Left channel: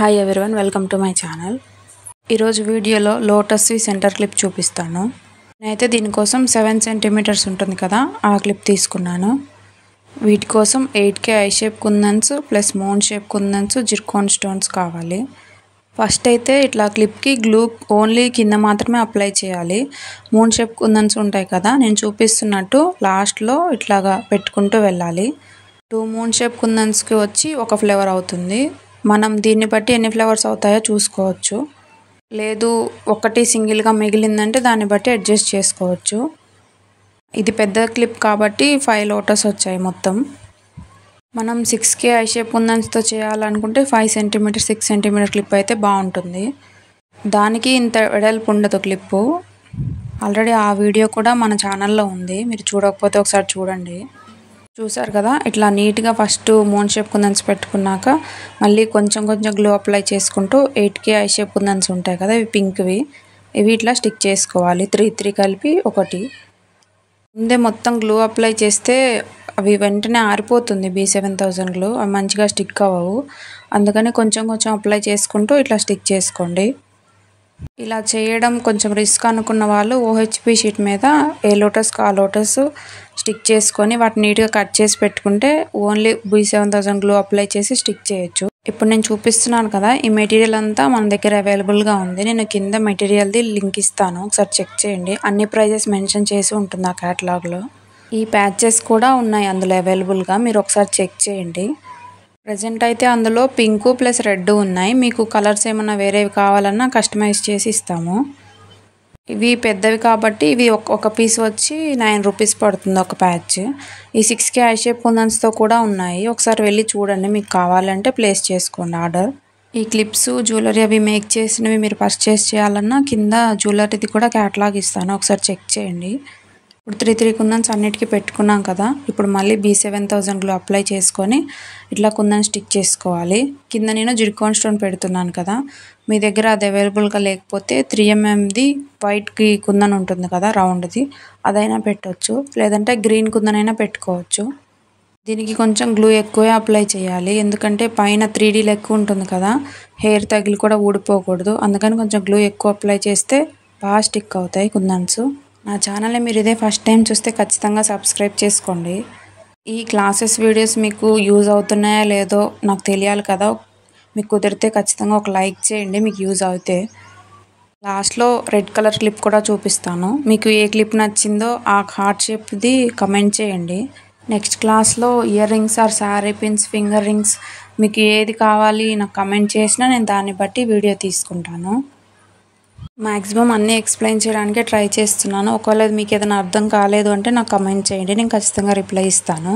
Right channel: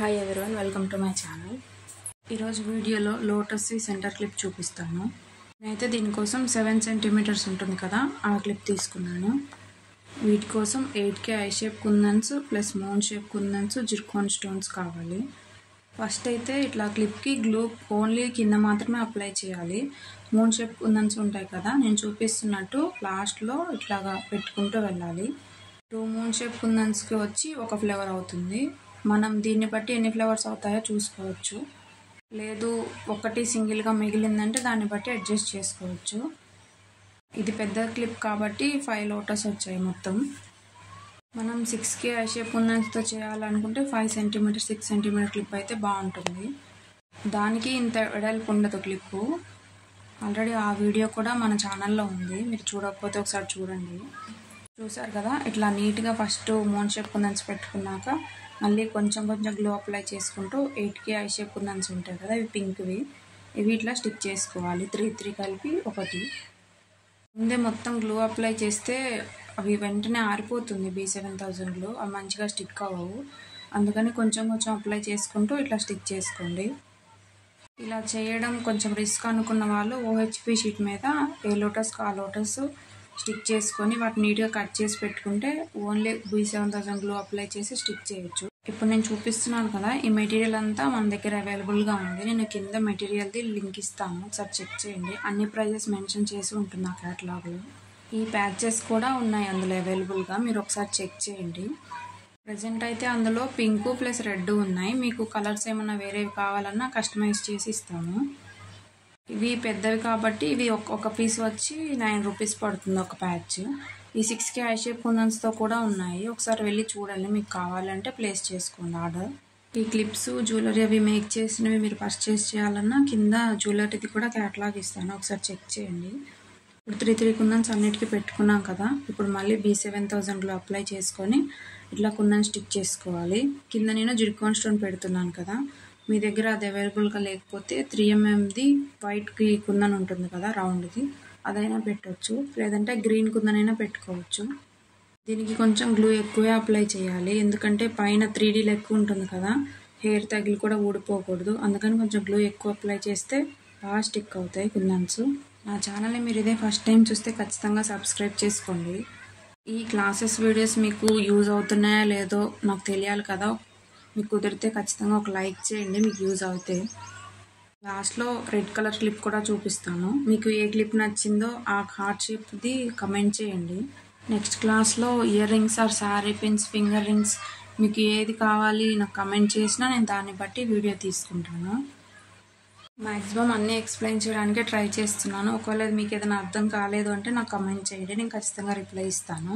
Hi everyone, welcome to my channel. ఈరోజు వీడియోలో లోటస్వి centre clip చూపిస్తాను. నేనైతే దీనికోసం 7 సెంటీమీటర్స్ ఉంటుంది కదా, ఆ క్లిప్ తీసుకున్నాను. వీటి కోసం 8K I shape kundans plus moon shape kundans, zircon stones కావాలి. ఫస్ట్ అయితే ఇట్లా క్లిప్కి గ్లూ ఓన్లీ కింద మాత్రమే అప్లై చేయాలి. మూన్ షేప్ కుందన్స్ ఉంటాయి కదా, నేను చూపిస్తున్నట్టు లాస్ట్లో ఇట్లాగా పెట్టుకుంటూ వెళ్ళాలి. 2 మూన్ షేప్ కుందన్స్కి వచ్చి ఒక ఫ్లేవర్ అవుతుంది. మనం దీన్ని బట్టి ఎన్ని ఫ్లేవర్స్ అవుతాయో చూసుకోవచ్చు. లేదు ఒకటి సింగిల్గా మిగిలిందంటే దాన్ని బట్టి అడ్జస్ట్ చేసుకోవచ్చు. ఇది పెద్ద క్లిప్ కాబట్టి 5 లోటస్ వచ్చాయి మొత్తం. మనం 6K ఐ షేప్ కుందన్స్తో చేయాలనుకుంటే 5 సెంటీమీటర్ 6 సెంటీమీటర్ క్లిప్ అయితే బాగుంటుంది. దానికి ఇంత వెడల్పు ఉండదు క్లిప్పు. ఆల్రెడీ ఆ వీడియో కూడా మన ఛానల్లో ఉంది, మీరు చూడకపోతే ఒకసారి చూడండి. చూసారు కదా, ఇట్లా నీట్గా ఫస్ట్ మూన్ షేప్ కుందన్స్ పెట్టుకున్నాక మళ్ళీ కొంచెం గ్లూ అప్లై చేసుకుంటూ 8K ఐ షేప్ కుందన్స్ ఉంటాయి కదా, ఇవి పింక్వి, ఇవి ఇట్లా స్టిక్ చేసుకోవాలి. 3 కలిపి ఒకటి. ముందే మొత్తం గ్లూ అప్లై చేస్తే అవి వెంటనే ఆరిపోతుంది. B7000 గ్లూ అవి మంచిగా స్టిక్ అవ్వవు. అందుకని కొంచెం అప్లై చేసుకుంటూ ఇట్లా స్టిక్ చేసుకోండి. ఇలా చేయడం కొంచెం రిస్క్ అనుకున్న వాళ్ళు OHP షీట్ మీద ఏ లోటస్కి ఆ లోటస్ స్టిక్ చేసుకొని వాటిని నీట్గా కట్ చేసి పెట్టుకుంటే ఓన్లీ B7000 గ్లూ అప్లై చేసి స్టిక్ చేయొచ్చు. ఇప్పుడు నేను చూపిస్తున్నాను కదా, ఈ మెటీరియల్ అంతా మన దగ్గర అవైలబుల్గా ఉంది. నేను కింద మెటీరియల్ది లింక్ ఇస్తాను, ఒకసారి చెక్ చేయండి. అన్ని ప్రైజెస్ మెన్షన్ చేసి ఉంటుంది ఆ క్యాటలాగ్లో. ఈ ప్యాచెస్ కూడా ఉన్నాయి అందులో అవైలబుల్గా, మీరు ఒకసారి చెక్ చేయండి. ప్రజెంట్ అయితే అందులో పింక్ ప్లస్ రెడ్ ఉన్నాయి. మీకు కలర్స్ ఏమన్నా వేరేవి కావాలన్నా కస్టమైజ్ చేసి ఇస్తాము. ఇవి పెద్దవి కాబట్టి ఇవి ఒక పీస్ వచ్చి 9 రూపీస్ పడుతుంది ఒక ప్యాచ్. ఈ 6K ఐ షేప్ కుందన్స్తో కూడా ఉన్నాయి, ఒకసారి వెళ్ళి చూడండి. మీకు కావాలంటే ప్లేస్ చేసుకోండి ఆర్డర్. ఈ క్లిప్స్ జ్యువెలరీ అవి మేక్ చేసినవి మీరు పర్చేస్ చేయాలన్నా కింద జ్యువెలరీది కూడా క్యాటలాగ్ ఇస్తాను, ఒకసారి చెక్ చేయండి. ఇప్పుడు 3 కుందన్స్ అన్నిటికీ పెట్టుకున్నాం కదా, ఇప్పుడు మళ్ళీ B7000 గ్లూ అప్లై చేసుకొని ఇట్లా కుందన్ స్టిక్ చేసుకోవాలి. కింద నేను జిర్కోన్ స్టోన్ పెడుతున్నాను కదా, మీ దగ్గర అది అవైలబుల్గా లేకపోతే 3mmది వైట్కి కుందన్ ఉంటుంది కదా రౌండ్ది, అదైనా పెట్టవచ్చు. లేదంటే గ్రీన్ కుందన్ అయినా పెట్టుకోవచ్చు. దీనికి కొంచెం గ్లూ ఎక్కువే అప్లై చేయాలి, ఎందుకంటే పైన 3D ఎక్కువ ఉంటుంది కదా, హెయిర్ తగిలి కూడా ఊడిపోకూడదు. అందుకని కొంచెం గ్లూ ఎక్కువ అప్లై చేస్తే బాగా స్టిక్ అవుతాయి కుందన్స్. నా ఛానల్ని మీరు ఇదే ఫస్ట్ టైం చూస్తే ఖచ్చితంగా సబ్స్క్రైబ్ చేసుకోండి. ఈ క్లాసెస్ వీడియోస్ మీకు యూజ్ అవుతున్నాయా లేదో నాకు తెలియాలి కదా, మీకు కుదిరితే ఖచ్చితంగా ఒక లైక్ చేయండి మీకు యూజ్ అవుతే. లాస్ట్లో రెడ్ కలర్ క్లిప్ కూడా చూపిస్తాను, మీకు ఏ క్లిప్ నచ్చిందో ఆ హార్ట్ షేప్ది కమెంట్ చేయండి. నెక్స్ట్ క్లాస్లో ear rings or sari pins, finger rings, మీకు ఏది కావాలి నాకు కమెంట్ చేసినా నేను దాన్ని బట్టి వీడియో తీసుకుంటాను. మ్యాక్సిమం అన్నీ ఎక్స్ప్లెయిన్ చేయడానికే ట్రై చేస్తున్నాను. ఒకవేళ మీకు ఏదైనా అర్థం కాలేదు అంటే నాకు కమెంట్ చేయండి, నేను ఖచ్చితంగా రిప్లై ఇస్తాను.